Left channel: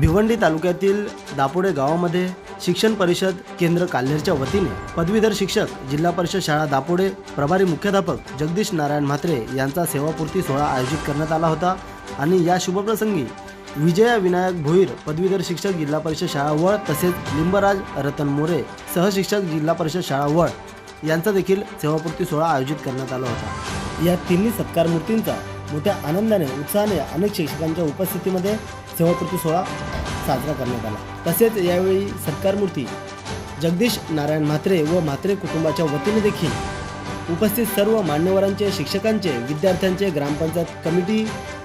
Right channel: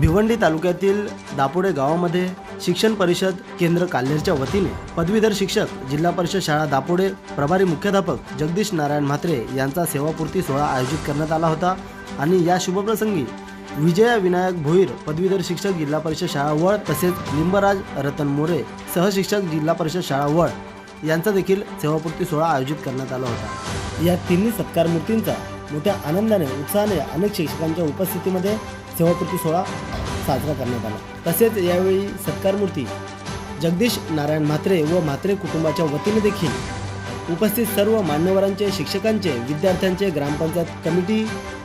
भिवंडी तालुक्यातील दापोडे गावामध्ये शिक्षण परिषद केंद्र काल्हेरच्या वतीने पदवीधर शिक्षक जिल्हा परिषद शाळा दापोडे प्रभारी मुख्याध्यापक जगदीश नारायण म्हात्रे यांचा सेवापूर्ती सोहळा आयोजित करण्यात आला होता आणि या शुभप्रसंगी विजया विनायक भोईर पदवीधर शिक्षक जिल्हा परिषद शाळा वळ तसेच लिंबराज रतन मोरे सहशिक्षक जिल्हा परिषद शाळा वळ यांचा देखील सेवापूर्ती सोहळा आयोजित करण्यात आला होता। या तिन्ही सत्कार मूर्तींचा मोठ्या आनंदाने उत्साहाने अनेक शिक्षकांच्या उपस्थितीमध्ये सेवापूर्ती सोहळा साजरा करण्यात आला। तसेच यावेळी सत्कार मूर्ती जगदीश नारायण म्हात्रे व म्हात्रे कुटुंबाच्या वतीने देखील उपस्थित सर्व मान्यवरांचे शिक्षकांचे विद्यार्थ्यांचे ग्रामपंचायत कमिटी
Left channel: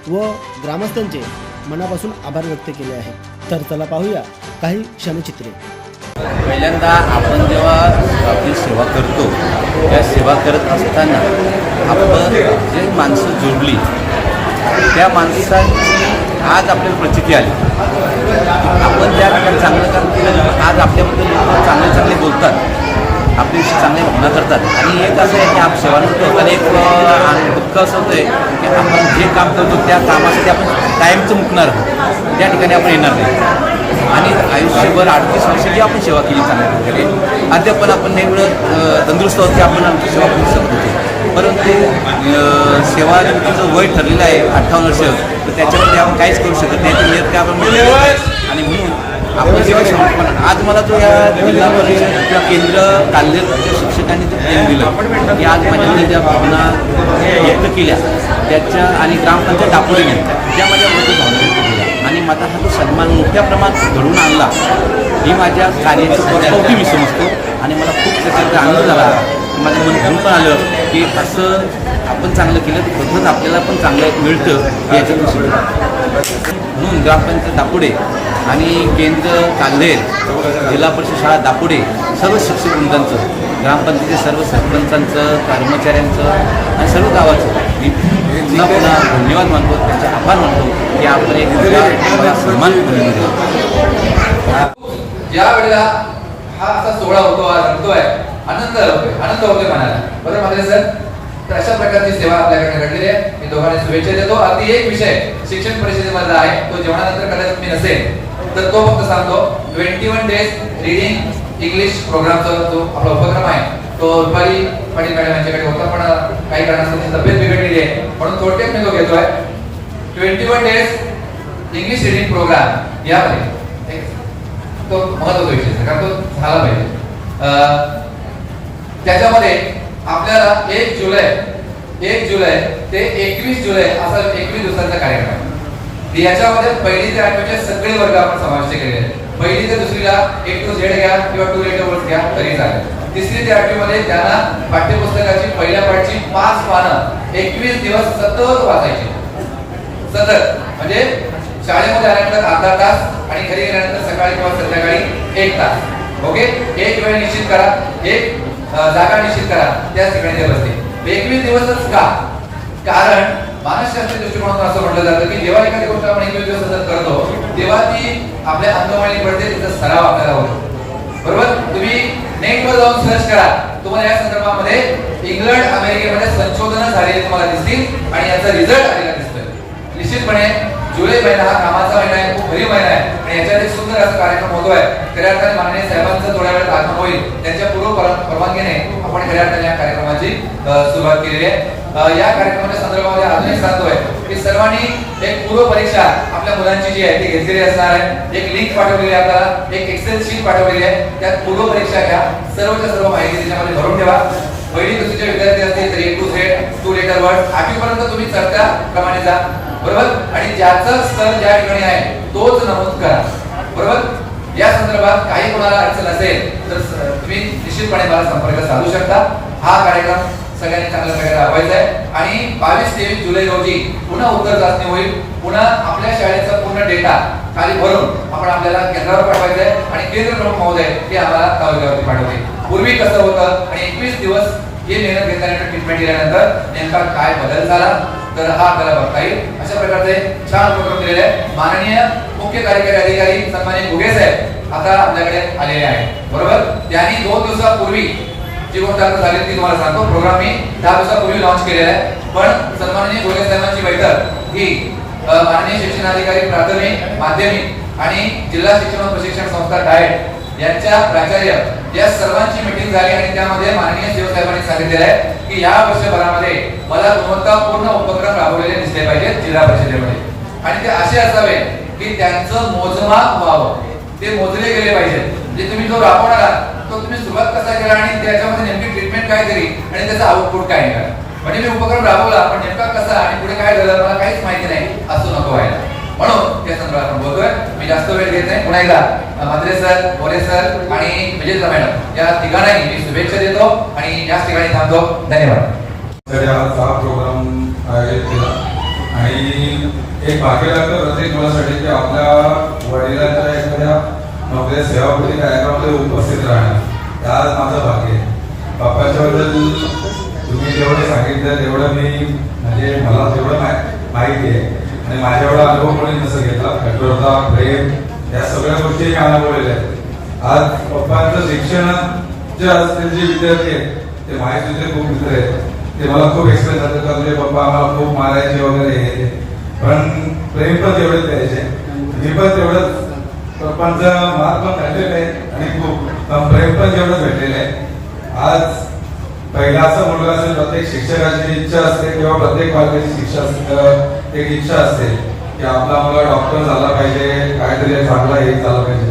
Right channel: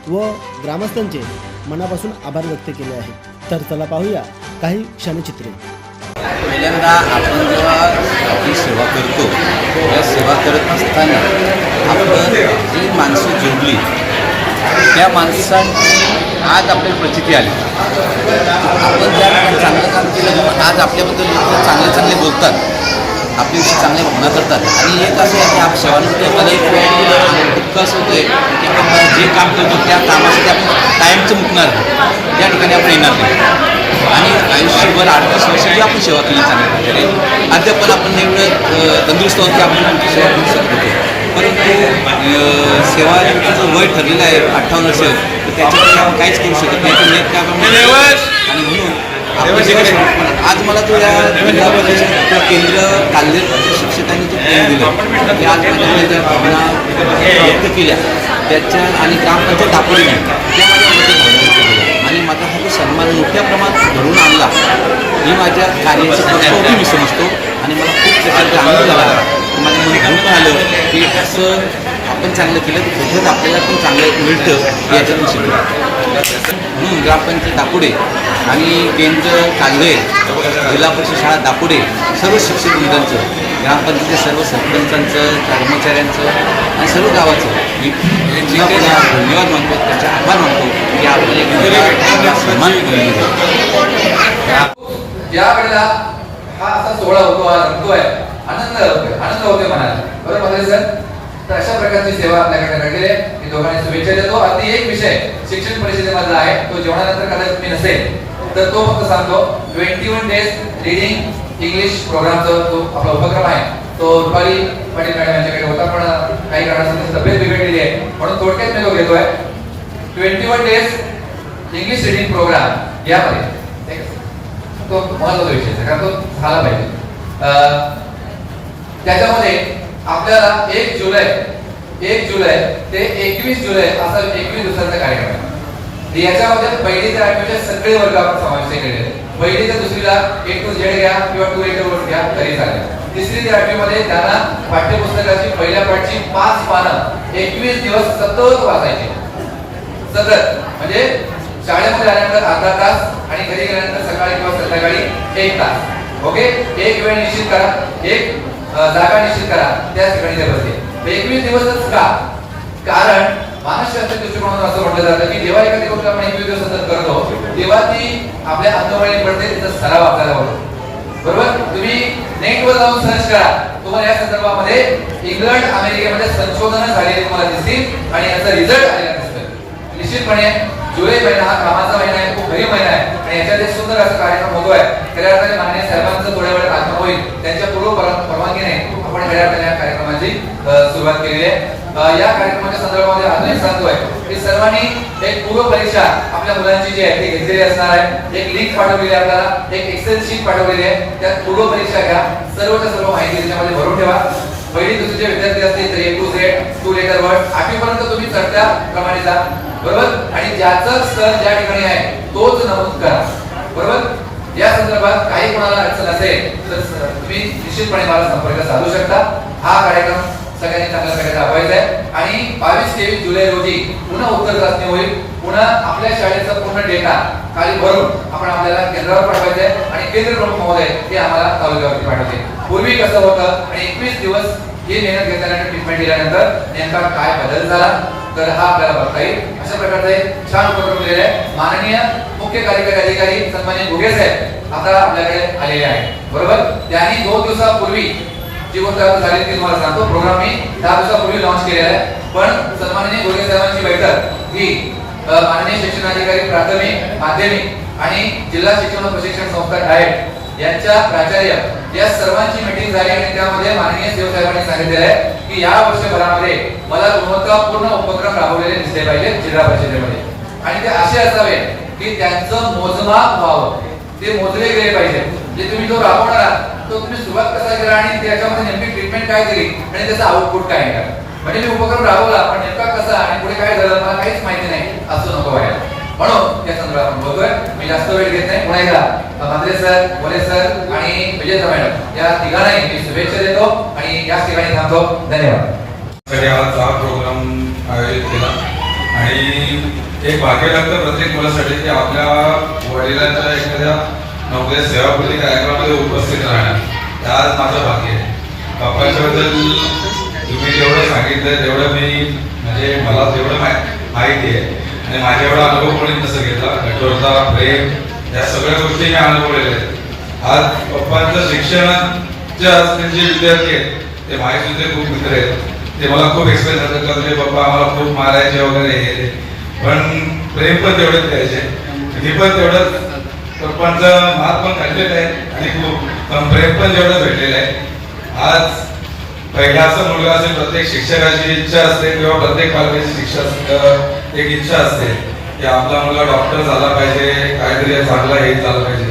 व ग्रामस्थांचे मनापासून आभार व्यक्त केले आहेत। तर चला पाहूया काही क्षणचित्रे। पहिल्यांदा आपण जेव्हा आपली सेवा करतो या सेवा करत असताना आपण जी माणसं जोडली त्या माणसांची आज आपल्याला प्रचिती आली। आपण ज्या ठिकाणी चांगलं काम केलं आज आपल्याबद्दल लोक चांगले चांगले बोलतात, आपल्याविषयी चांगल्या भावना करतात आणि एक असं आहे की आप सेवानिवृत्त होताना एक दुःख असं होतं आहे की आपण जे काम करतो त्या कामासाठी आपण कायमचं मुकणार त्या ठिकाणी आपण येणार नाही आणि आयुष्यभर 38 वर्ष जी आपण सेवा केली चांगल्या प्रकारे अद्याप पण आपण एवढं तंदुरुस्त आहोत की आपण आमची सेवा करू शकतो। परंतु सेवानिवृत्तीचं वय ठरलेलं आहे 58 वर्ष, तर त्याच्यामध्ये आपण काहीच करू शकत नाही नियत त्याप्रमाणे आणि म्हणून आपण जेव्हा आज मला तो या जिल्हा परिषद किंवा केंद्र काल्हेरच्या शिक्षकांनी जो प्रेम दिलं की आज माझ्या ज्या भावना व्यक्त केल्या त्याच्या आणि ग्रामपंचायत दापोडीने त्या माझ्या मते भावना व्यक्त केल्या आणि माझा हा जो सन्मान मोठ्या प्रमाणात घडवून आणला ही माझ्या कार्याची कसोटी मी समजतो आणि मला खूप त्याच्यात आनंद झाला। माझं मन घडून आलं की असं आपण चांगलं केलं तर कुठंच आपल्याला पण चांगलं मिळतं हे याच्यातून शिकलं। म्हणून ग्रामपंचायत दापोडे आणि केंद्र काल्हेर जिल्हा परिषद शाळा दापोडे सर्व शिक्षक वृंदांचं ग्रामपंचायतीच्या सर्व सरपंचांचं कर्मचाऱ्यांचं आणि सर्व गावाचं मी पुन्हा पुन्हा धन्यवाद मानतो, त्यांचे आभार मानतो की आपण एक मला सन्मान या वेळेला हा असा सोहळा होतो, रंगतोय, आनंद होतोय मनाला, बरोबर मध्ये सर। तर अशा प्रकारची सेवा आपल्याकडे घडलेली आहे। मी दोघांना शुभेच्छा देतो। अगदी एक विषय शिक्षण परिषदेमधला आहे तो जेवणानंतर कदाचित मी नसेल तर तो फक्त सांगतो 21 डेज रीडिंग इंग्लिश प्रोग्रामचा जो आपला उपक्रम आहे तो रुपाली पाटील मॅडम यांच्याकडे होता, पण काही कारणास्तव तब्येत बिघडलेली आहे म्हणून थोडक्यात मी तो घेतोय। 21 डेज इंग्लिश रीडिंग प्रोग्राम यामध्ये तो महत्त्वाचा विषय आहे कारण तो झाला पाहिजे। त्याच्यामध्ये आपल्याला 1 जुलै ते 21 जुलै असा 21 दिवसांचा कार्यक्रम आहे। याच्यामध्ये पहिली ते 8वीचे सगळे वर्ग आपण समाविष्ट केलेले आहेत। पहिली ते दुसरीला A to Z घ्या किंवा 2 लेटर्स घ्या तरी चालेल। तिसरी ते 8वी मध्ये त्यांना पाठ्यपुस्तकाची पहिल्या पाठची 5 पानं 21 दिवस सतत वाचायची, सतत म्हणजे शाळेमध्ये आल्यानंतर अर्धा तास आणि घरी गेल्यानंतर सकाळी किंवा संध्याकाळी 1 तास। ओके, एक वेळ निश्चित करा, एक जागा निश्चित करा, त्या ठिकाणी ते बसते। 21 दिवसच का? कारण मानसशास्त्र दृष्टिकोनातून असं म्हटलं जातं की जेव्हा एखादी गोष्ट आपण 21 दिवस सतत करतो तेव्हा ती आपल्या अंतर्मनी पडते, त्याचा सराव आपल्याला होतो, बरोबर। तुम्ही नेटवर जाऊन सर्च करा, तुम्हाला या संदर्भामध्ये इंग्लंड अमेरिकेमध्ये संशोधन झालेले तुम्हाला दिसतील आणि याचा रिझल्ट आलेला दिसतोय। निश्चितपणे जुलै महिना हा कामाचा महिना आहे, खूप भरीव महिना आहे आणि याच्यात एक सुंदर असा कार्यक्रम होतोय। खऱ्या अर्थाने माननीय साहेबांचं थोड्या वेळात आगमन होईल, त्यांच्या पूर्व परवानगीने आपण खऱ्या अर्थाने या कार्यक्रमाची सुरुवात केलेली आहे। या कार्यक्रमाच्या संदर्भामध्ये अजून एक सांगतोय की सर्वांनी एक पूर्व परीक्षा आपल्या मुलांची जी आहे ती घेतलेली असणार आहे। एक लिंक पाठवलेली आहे आपल्याला, एक एक्सेल शीट पाठवलेली आहे, त्यात पूर्व परीक्षा घ्या, सर्वच्या सर्व माहिती त्याच्यामध्ये भरून ठेवा। पहिली दुसरीचे विद्यार्थी असतील तर A to Z 2 letter word 8वी पर्यंत तुम्ही चढत्या क्रमाने जा, बरोबर। आणि ज्याचा स्तर ज्या ठिकाणी आहे तोच नमूद करा, बरोबर। या संदर्भात काही कोणाला अडचण असेल तर तुम्ही निश्चितपणे मला संपर्क साधू शकता। हा कार्यक्रम सगळ्यांनी चांगल्या प्रकारे राबवायचा आहे आणि 22-23 जुलै रोजी पुन्हा उत्तर चाचणी होईल। पुन्हा आपल्या शाळेचा पूर्ण डेटा खाली भरून आपण आपल्याला केंद्रावर पाठवायचं आहे आणि केंद्र प्रमुख महोदय ते आम्हाला तालुक्यावरती पाठवतील। पूर्वी कसं होतं आणि 21 दिवस हे मेहनत घेतल्यानंतर ट्रीटमेंट दिल्यानंतर नेमका काय बदल झाला तर हा आपल्याला बघता येईल। अशा प्रकारचे छान उपक्रम केलेले आहे। माननीय मुख्य कार्यकारी अधिकारी सन्माननीय घुगे साहेब आता आपल्याकडे आलेले आहेत, बरोबर। त्यांनी 2 दिवसापूर्वी जी गोष्ट झाली ती तुम्हाला सांगतो। प्रोग्राम मी 10 दिवसापूर्वी लॉन्च केलेला आहे, पण सन्माननीय घुगे साहेबांची बैठक ही माननीय शिक्षणाधिकारी प्राथमिक माध्यमिक आणि जिल्हा शिक्षण व प्रशिक्षण संस्था डाएट यांच्या प्राचार्य या सर्वांची मीटिंग झाली आणि त्यामध्ये माननीय शिवसाहेबांनी सांगितलेलं आहे की या वर्षभरामध्ये मला गुणवत्तापूर्ण उपक्रम राबवलेले दिसले पाहिजेत जिल्हा परिषदेमध्ये आणि ते असे असावे की त्यांचं मोजमाप व्हावं, ते मोजले गेले पाहिजे. म्हणजे तुम्ही जो राबवणार आहात तो तुम्ही सुरुवात कसा केला आणि त्याच्यामध्ये नेमकी ट्रीटमेंट काय केली आणि त्याचा आउटपुट काय निघाला. म्हणजे मी उपक्रम राबवला पण नेमका कसा आणि पुढे काय झालं मला काहीच माहिती नाही असं नको व्हायला. म्हणून त्या संदर्भात आपण बोलतोय. मी जास्त वेळ घेत नाही. पुन्हा एकदा मंत्रे सर, मोरे सर आणि विजय मॅडम या तिघांनाही मी शुभेच्छा देतो आणि याच ठिकाणी थांबतो. धन्यवाद. तर आज हा प्रोग्राम आयोजित केला आणि एक भाग्य लागतं प्रत्येक मुलासाठी की आपल्या वडिलांच्या एखाद्या नोकऱ्या सेवापूर्ती कार्यक्रमामध्ये उपस्थित राहणार. आज माझं भाग्य आहे. पप्पांच्याबद्दल तुम्ही जेवढं सांगितलं तेवढं मी म्हणजे मला जेवढं माहिती आहे आणि माझ्या एवढा अनुभव कोणी नसं घेतला. कठोरता, प्रेम या सगळ्या गोष्टी मी अनुभवलेल्या आहेत. आज पप्पांचं शिक्षणाचे असलेले जे विद्यार्थी आहेत ते माझे खूप मित्र आहेत. ते मला खूप एक्सप्रेस करतात का तुझे पप्पा आम्हाला खूप मारायचे वगैरे हे पण प्रेम पण तेवढेच द्यायचे. मी पण तेवढंच पप्पांचं मात पण खाल्लेलं आहे आणि खूप प्रेम पण तेवढंच भेटलेलं आहे. आज पहिला असं मुलगा असेल प्रत्येक शिक्षकाची इच्छा असते किंवा प्रत्येक पालकाची शिक्षक एक इच्छा असते की आपला मुलगा डॉक्टर झाला पाहिजे, काहीतरी चांगला हे झालं पाहिजे.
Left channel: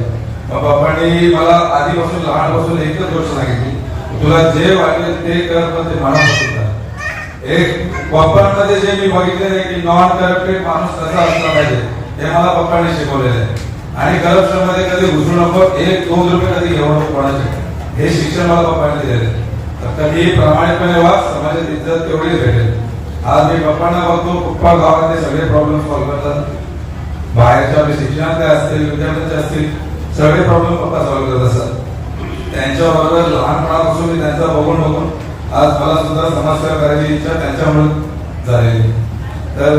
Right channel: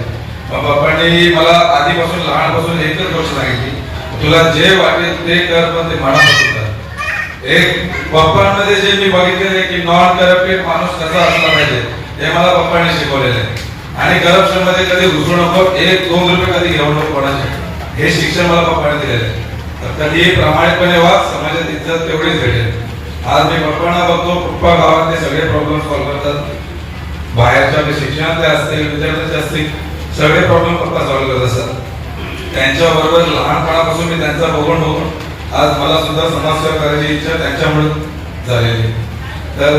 मग पप्पांनी मला आधीपासून लहानपासून एकच गोष्ट सांगितली, तुला जे वाटेल ते कर पण ते मनापासून कर. एक पप्पांमध्ये जे मी बघितलेलं आहे की नॉन करप्टेड माणूस कसा असला पाहिजे ते मला पप्पांनी शिकवलेलं आहे. आणि करप्शन मध्ये कधी घुसू नको, 1-2 रुपये कधी घेऊ नको कोणाचे, हे शिक्षण मला पप्पाने दिलेलं आहे. तर कधी प्रामाणिकपणे वाग, समाजात इज्जत तेवढीच भेटेल. आज मी पप्पांना बघतो, पप्पा गावातले सगळे प्रॉब्लेम सॉल्व्ह करतात. बाहेरच्या शिक्षणातले असतील, विद्यार्थ्यांचे असतील, सगळे प्रॉब्लेम पप्पा सॉल्व्ह करत असतात. त्यांच्याबरोबर लहानपणापासून मी त्यांचा बघून आज मला सुद्धा समाजसेवा करायची इच्छा त्यांच्यामुळे झालेली. तर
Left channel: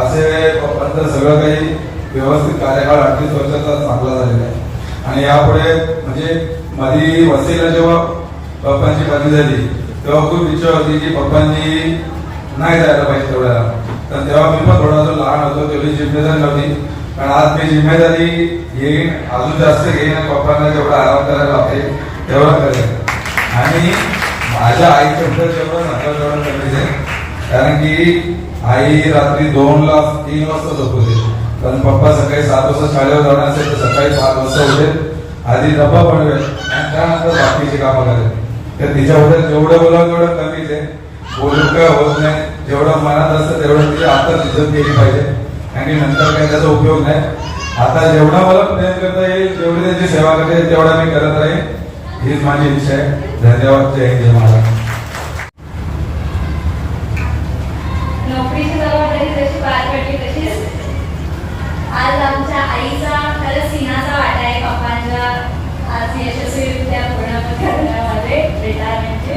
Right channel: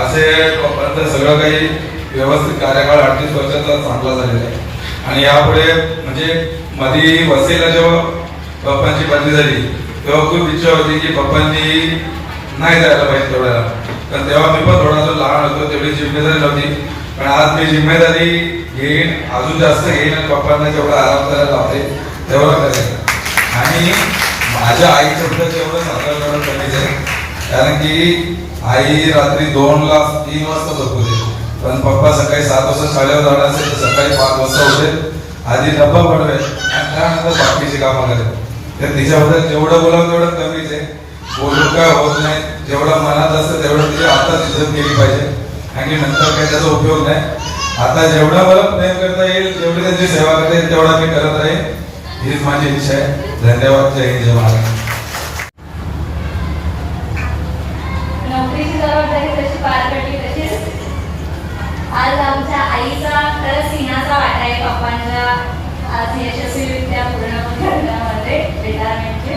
असे पप्पांचं सगळं काही व्यवस्थित कार्यकाळ 38 वर्षाचा चांगला झालेला आहे. आणि यापुढे म्हणजे मध्ये वसईला जेव्हा पप्पांची बदली झाली तेव्हा खूप इच्छा होती की पप्पांनी नाही जायला पाहिजे तेवढ्याला. तर तेव्हा मी पण थोडासा लहान होतो, तेवढी जिम्मेदारी नव्हती. पण आज मी जिम्मेदारी घेईन, अजून जास्त घेईन आणि पप्पांना जेवढा आराम करायला लागते तेवढं करेन. आणि माझ्या आईच्या सुद्धा जेवढं साखर करून कमीच आहे, कारण की आई रात्री 2-3 वाजता झोपते. पण पप्पा सकाळी 7 वाजता शाळेवर जाणार असेल तर सकाळी 5 वाजता उठेल, आधी डब्बा बनवेल आणि त्यानंतर बाकीची कामं करेल. तर तिच्याबद्दल जेवढं बोलावं तेवढं कमीच आहे. बोलून काय होत नाही, जेवढं मनात असतं तेवढं तिच्या हातात इज्जत केली पाहिजे आणि नंतर काही त्याचा उपयोग नाही. आता जेवढा मला प्रेम करता येईल, जेवढी त्यांची सेवा करता येईल तेवढा मी करत राहील, हीच माझी इच्छा आहे. धन्यवाद. जय हिंद, जय महाराष्ट्र. नोकरीची जबाबदारी जशी पार पडली तशीच आज आमच्या आईचा खरंच सिंहाचा वाटा आहे पप्पांच्या आज यशस्वीरित्या पूर्ण करण्यामध्ये रिटायरमेंटचे.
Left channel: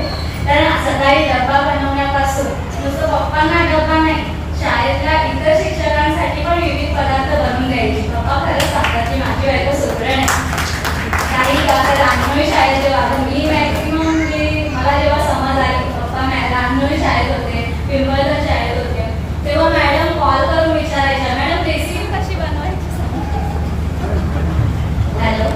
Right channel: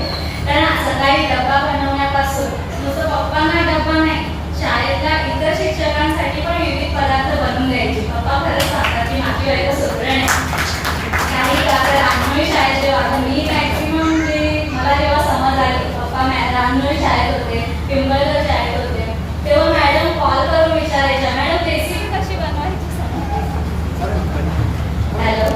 कारण सकाळी डब्बा बनवण्यापासून नुसतं पप्पांना डब्बा नाही, शाळेतल्या इतर शिक्षकांसाठी पण विविध पदार्थ बनवून द्यायचे. पप्पा खरंच सांगतात की माझी बायको सुधरण काही आता रांगणोळी शाळेत जेव्हा मी मॅक्सिमम मला जेव्हा समज आली पप्पा रांगणोळी शाळेत होते, पिंपळगाव शाळेत होते, तेव्हा मॅडम कॉल करून विचारायच्या, मॅडम रेसिपी कशी बनवायची, हॅलो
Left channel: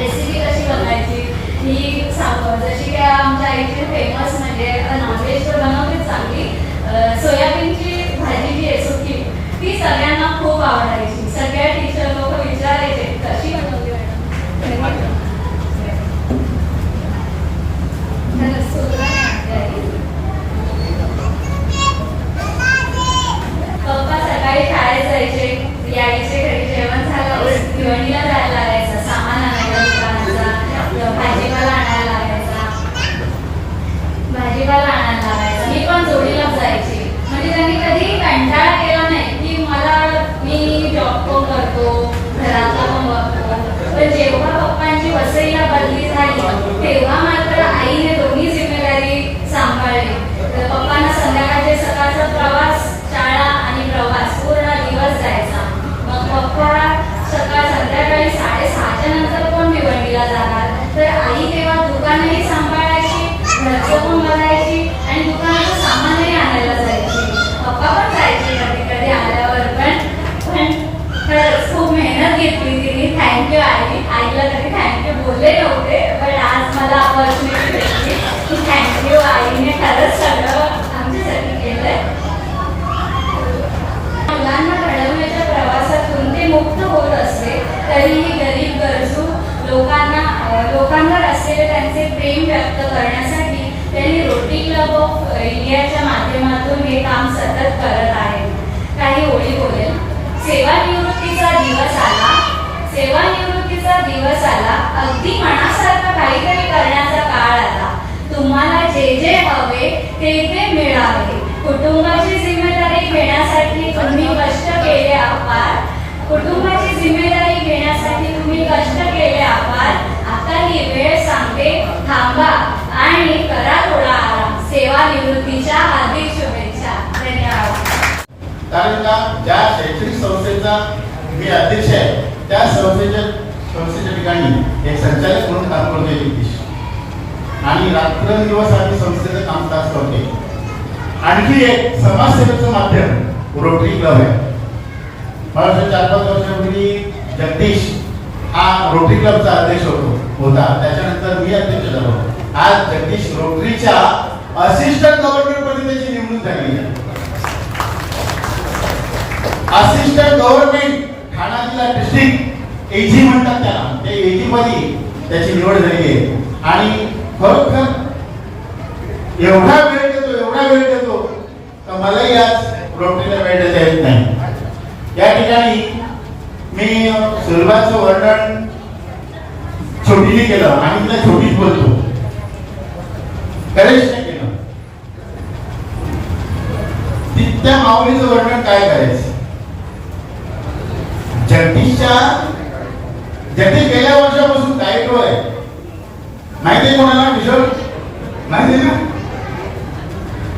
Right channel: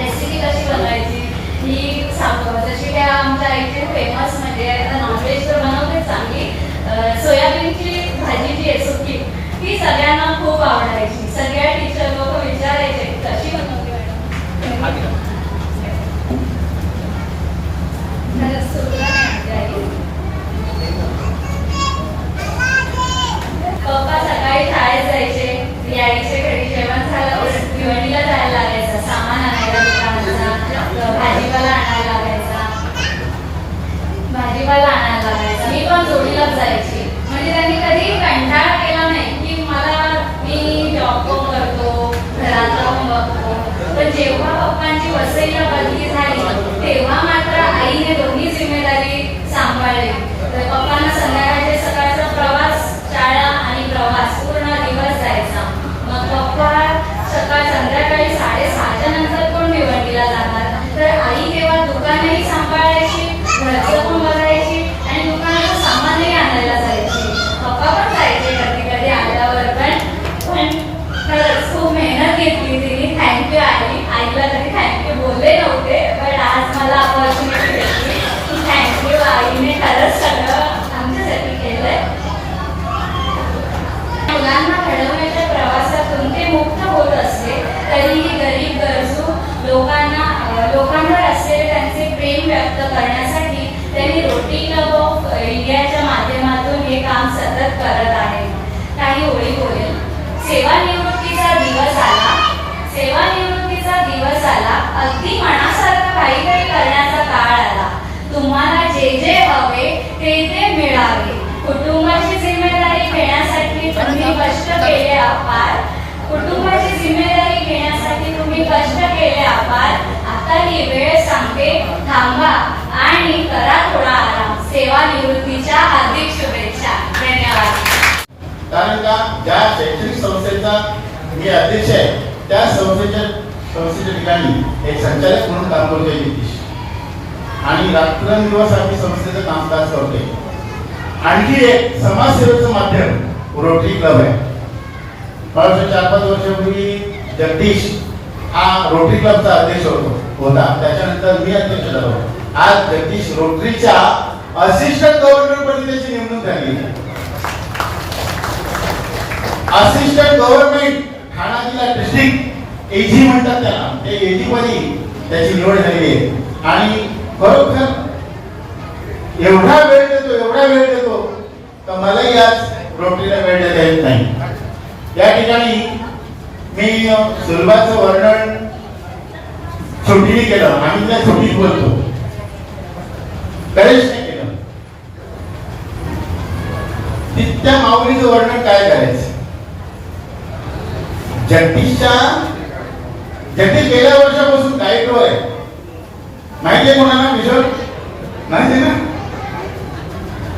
रेसिपी कशी बनवायची ही सांगतो. जशी की आमच्या आईचे फेमस म्हणजे नॉनव्हेज तर बनवते चांगली, सोयाबीनची भाजी जी आहे अगदी मनासारखं काहीतरी करण्याचा काळ आला. तुम्हाला जे जे हवे ते ते मिळावे. कुटुंबाची जिम्मेदारी घेण्यासाठी तुम्ही कष्ट केले अपार. कुटुंबाची जिम्मेदारी घेण्यासाठी तुम्ही कष्ट केले अपार. आता ही वेळ सांगते, थांबा आणि करा थोडा आराम. सेवानिवृत्तीच्या हार्दिक शुभेच्छा. धन्यवाद. कारण का ज्या शैक्षणिक संस्थेचा मी अध्यक्ष आहे त्या संस्थेच्या ठिकाणी एक संचालक म्हणून काम करतोय जगदीश, आणि रात्रंदिवस आम्ही संस्थेचं कामकाज करतोय. आणखी एक समाजसेवेचं माध्यम रोटरी क्लब आहे. 4-5 वर्षापूर्वी जगदीश हा रोटरी क्लबचा अध्यक्ष होता. त्याच्यानंतर मी अध्यक्ष झालो. आज जगदीश रोटरीच्या असिस्टंट गव्हर्नर पदी त्याची नेमणूक झाली आहे. असिस्टंट गव्हर्नमेंट ठाणा जिल्हा डिस्ट्रिक्ट एजी म्हणतात त्याला, ते एजी मध्ये त्याची निवड झाली आहे. आणि खरोखर एवढा वेळ देतो तर मलाही आज रोटरीला वेळ देता येत नाही. या ठिकाणी मी सुरुवातीचं वर्णन छोटीने केलं आणि त्या छोटीच बोलतो, गणेशने केलं. त्या माऊलीचं वर्णन काय करायचं. जगदीश गेल्या वर्षापासून डाएटवर आहे. माहिती आहे कोणाला विषय माहिती ना.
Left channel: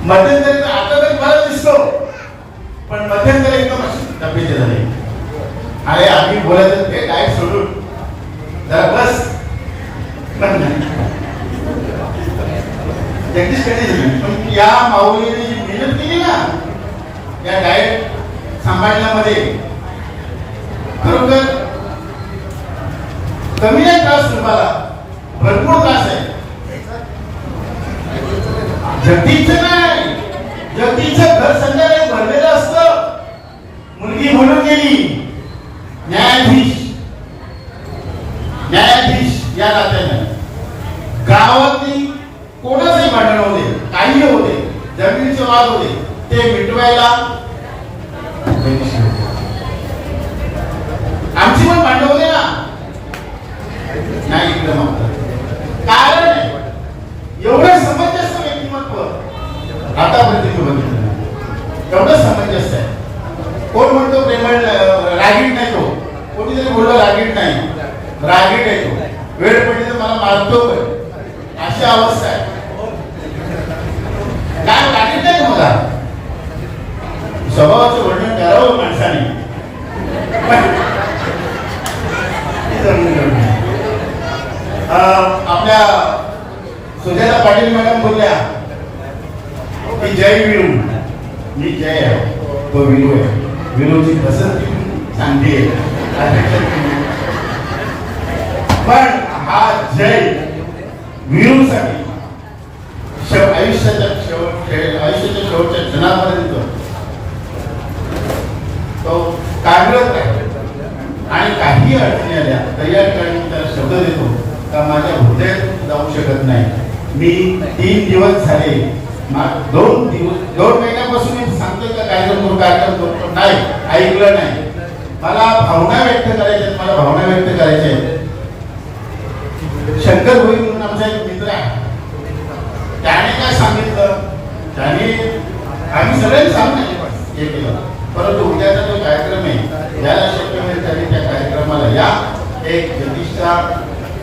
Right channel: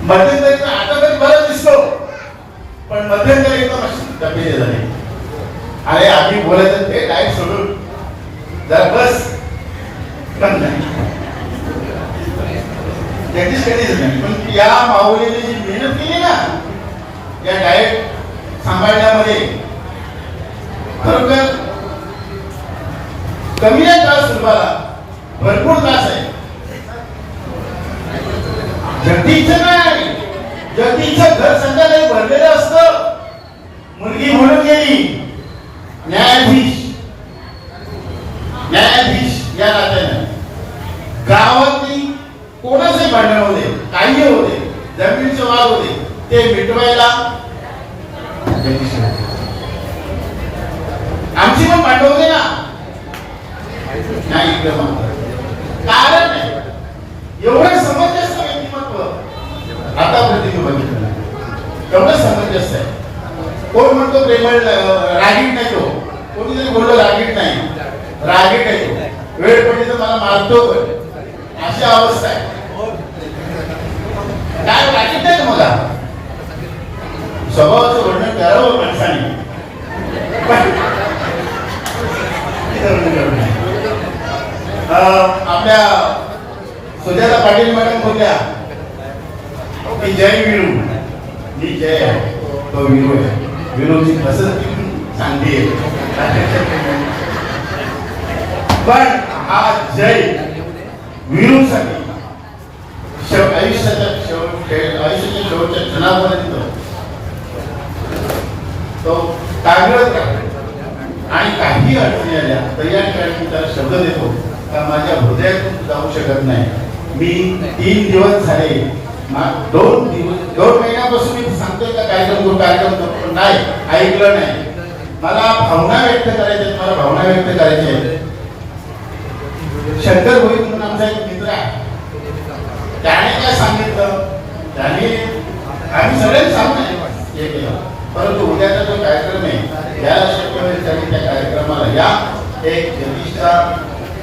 मध्यंतरी आता तर बरं दिसतो, पण मध्यंतरी एकदम तब्येत झाली. अरे आम्ही बोलायचं ते डाएट सोडून जरा बस. जगदीश कधी झाले, पण या माऊलीने जी मेहनत केली ना या डाएट सांभाळण्यामध्ये, खरोखर कमी नाही त्रास सुरुवाला, भरपूर त्रास आहे. जगदीशचं नाही, जगदीशचं घर संध्याकाळी भरलेलं असतं. मुलगी म्हणून गेली, न्यायाधीश या नात्याने गावातली कोणाचंही भांडण होते, काही होते, जमिनीचे वाद होते, ते मिटवायला आमची पण भांडण होते ना. नाही एकदम कारण आहे एवढं समंजस व्यक्तिमत्व आतापर्यंत बघितलं. एवढं समंजस आहे. कोण म्हणतो प्रेमळ रागीट नाही, तो कोणीतरी बोललं रागीट नाही, रागीट आहे तो. वेळ पडली तर मला मारतो पण, अशी अवस्था आहे. काय रागीट नाही मला. स्वभावाचं वर्णन करावं माणसाने. आपल्या सुजाता पाटील मॅडम बोलल्या की जय विरू. मी जय आहे, तो विरू आहे. विरूची पसंती चांगली आहे, पण हा जय विरूसाठी आयुष्याच्या शेवटच्या क्षणापर्यंत तो कार्यरत आहे. आणि काही अडचणी आल्या तर या ठिकाणी त्याला शब्द देतो का माझ्या हृदयात जाऊ शकत नाही. मी 3 दिवस झाले, 2 महिन्यापासून मी सांगतोय का काय करतो, पण नाही ऐकलं नाही. मला भावना व्यक्त करायच्या, मला भावना व्यक्त करायच्या. शंकर भोईर म्हणून आमचा एक मित्र आहे, त्याने काय सांगितलं, त्याने आम्ही सगळ्यांनी सांगणे हे केलं. परंतु उद्याचा जो कार्यक्रम आहे याला शक्य होण्यासाठी त्या कार्यक्रमाला या एक जगदीशचा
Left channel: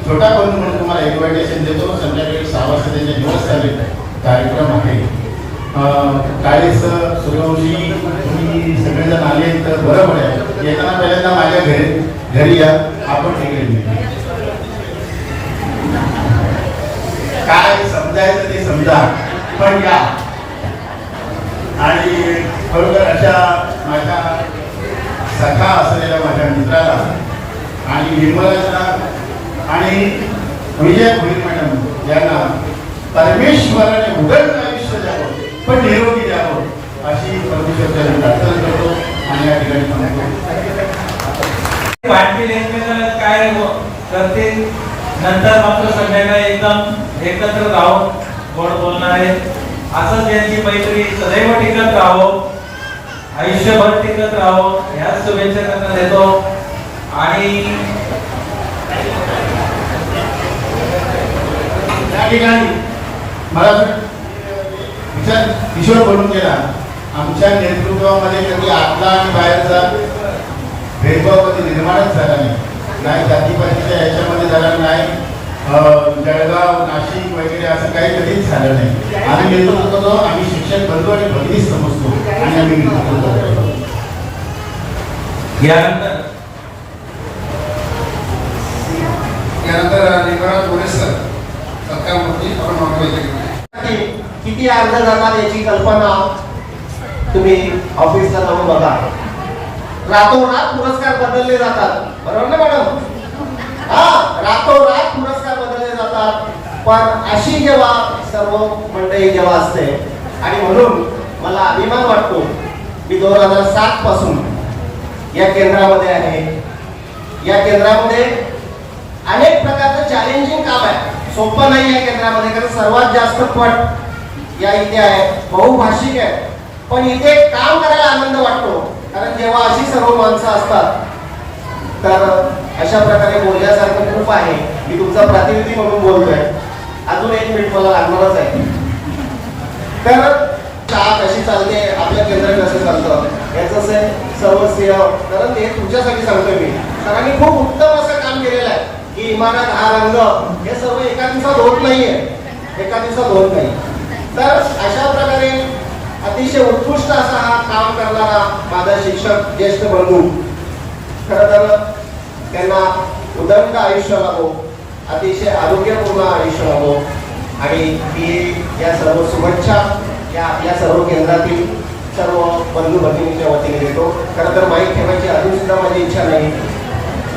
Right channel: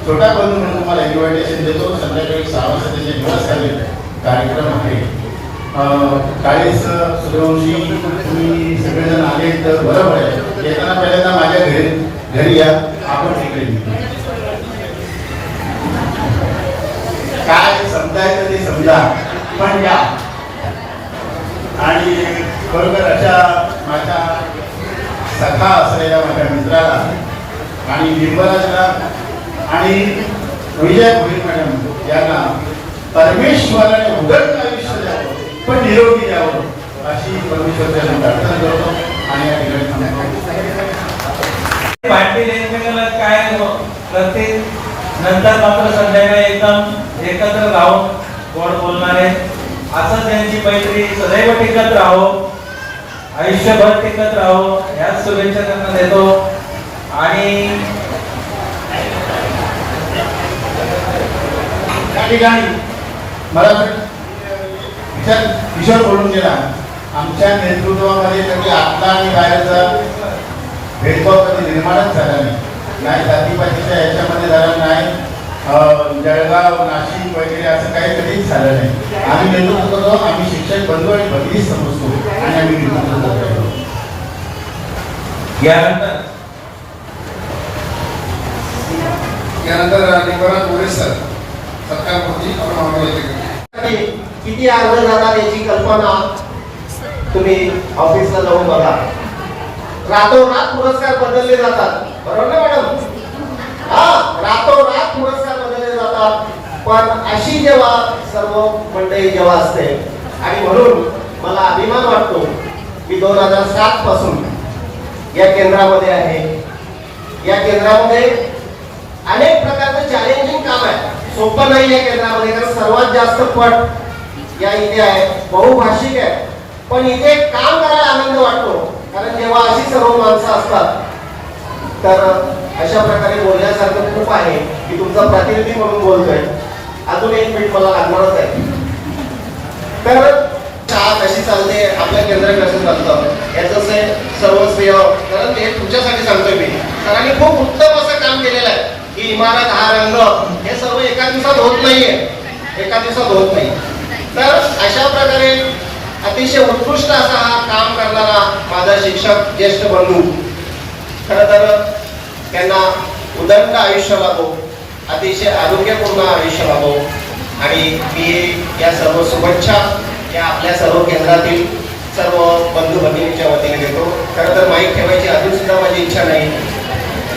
छोटा करून म्हणून तुम्हाला इन्व्हिटेशन देतो. संध्याकाळी 6 वाजता त्याचे दिवस झाले कार्यक्रम आहे. काळेच सूर्यवंशी तुम्ही सगळेजण आले तर बरोबर आहे. येताना पहिल्यांदा माझ्या घरी या, आपण तिकडे काय समजायचं ते समजा, पण या. आणि खरोखर अशा माझ्या सखा असलेल्या माझ्या मित्राला आणि निर्मलाला आणि विजय भोईर मॅडम यांना परमेश्वराने उदंड आयुष्य द्यावं, पण निरोगी द्यावं अशी परमेश्वराला प्रार्थना करतो. आणि या ठिकाणी पाटील एकमेकांना काय करते, नंतर मात्र संध्याकाळी एकदम एकत्र राहून गोड बोलणारे, असं त्यांची मैत्री सदैव टिकत राहो, आयुष्यभर टिकत राहो याच शुभेच्छा त्यांना देतो. आणि या ठिकाणी मला किशोर बोलून गेला, आमच्या नेतृत्वामध्ये कधी आतला आणि बाहेरचा भेदभाव कधी निर्माणच झाला नाही जातीपातीच्या याच्यामध्ये झाला नाही, जळगाव नाशिक वगैरे असं काही कधीच झालं नाही. आम्ही नेतृत्व करतो, आम्ही शिक्षक बनतो आणि बदलीच समजतो आणि आम्ही नेतृत्व करतो. यानंतर लिंगराज गोरे सर सत्कारमूर्ती आपण मानवले किती अर्ज जातात याची कल्पना तुम्ही ऑफिसला जाऊन बघा. रातोरात पुरस्कार बदलले जातात, बरोबर ना मॅडम? हा, रातोरात पुरस्कार बदलले जातात. पण अशी जेव्हा सर्व मंडळी जेव्हा असते आणि म्हणून मला अभिमान वाटतो की 2007 पासून या केंद्रामध्ये आहे. या केंद्रामध्ये अनेक प्रकारचं चॅलेंजिंग काम आहे, सोपं नाही या केंद्रामध्ये, कारण सर्वात जास्त पट या इथे आहे, बहुभाषिक आहे. पण इथे काम करायला आनंद वाटतो, कारण जेव्हा अशी सर्व माणसं असतात तर अशा प्रकारे बोलण्यासारखं खूप आहे. मी तुमचा प्रतिनिधी म्हणून बोलतोय, अजून 1 मिनिट मला लागणारच आहे. तर शाळा कशी चालते, आपल्या केंद्र कसं चालतं याचं सर्वस्वीय, कारण ते तुमच्यासाठी सांगतोय मी. सरांनी खूप उत्तम असं काम केलेलं आहे की इमारत, हा रंग, हे सर्व एका दिवसात होत नाहीये, एका दिवसात होत नाही. तर अशा प्रकारे अतिशय उत्कृष्ट असा हा काम करणारा माझा शिक्षक ज्येष्ठ बंधू, खरं तर त्यांना उदंड आयुष्य लाभो, अतिशय आरोग्यपूर्ण आयुष्य लाभो. आणि मी या सर्व शुभेच्छा या आपल्या सर्व केंद्रातील सर्व बंधू भगिनींच्या वतीने देतो. खरं तर माईक ठेवायची अजून सुद्धा माझी इच्छा नाही.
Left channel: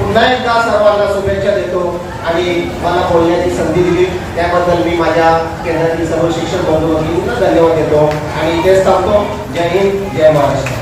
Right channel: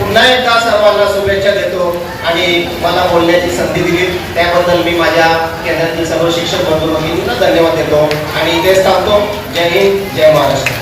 पुन्हा एकदा सर्वांना शुभेच्छा देतो आणि मला बोलण्याची संधी दिली त्याबद्दल मी माझ्या केंद्रातील सर्व शिक्षक बंधू भगिनींना धन्यवाद देतो आणि इथेच थांबतो. जय हिंद, जय महाराष्ट्र.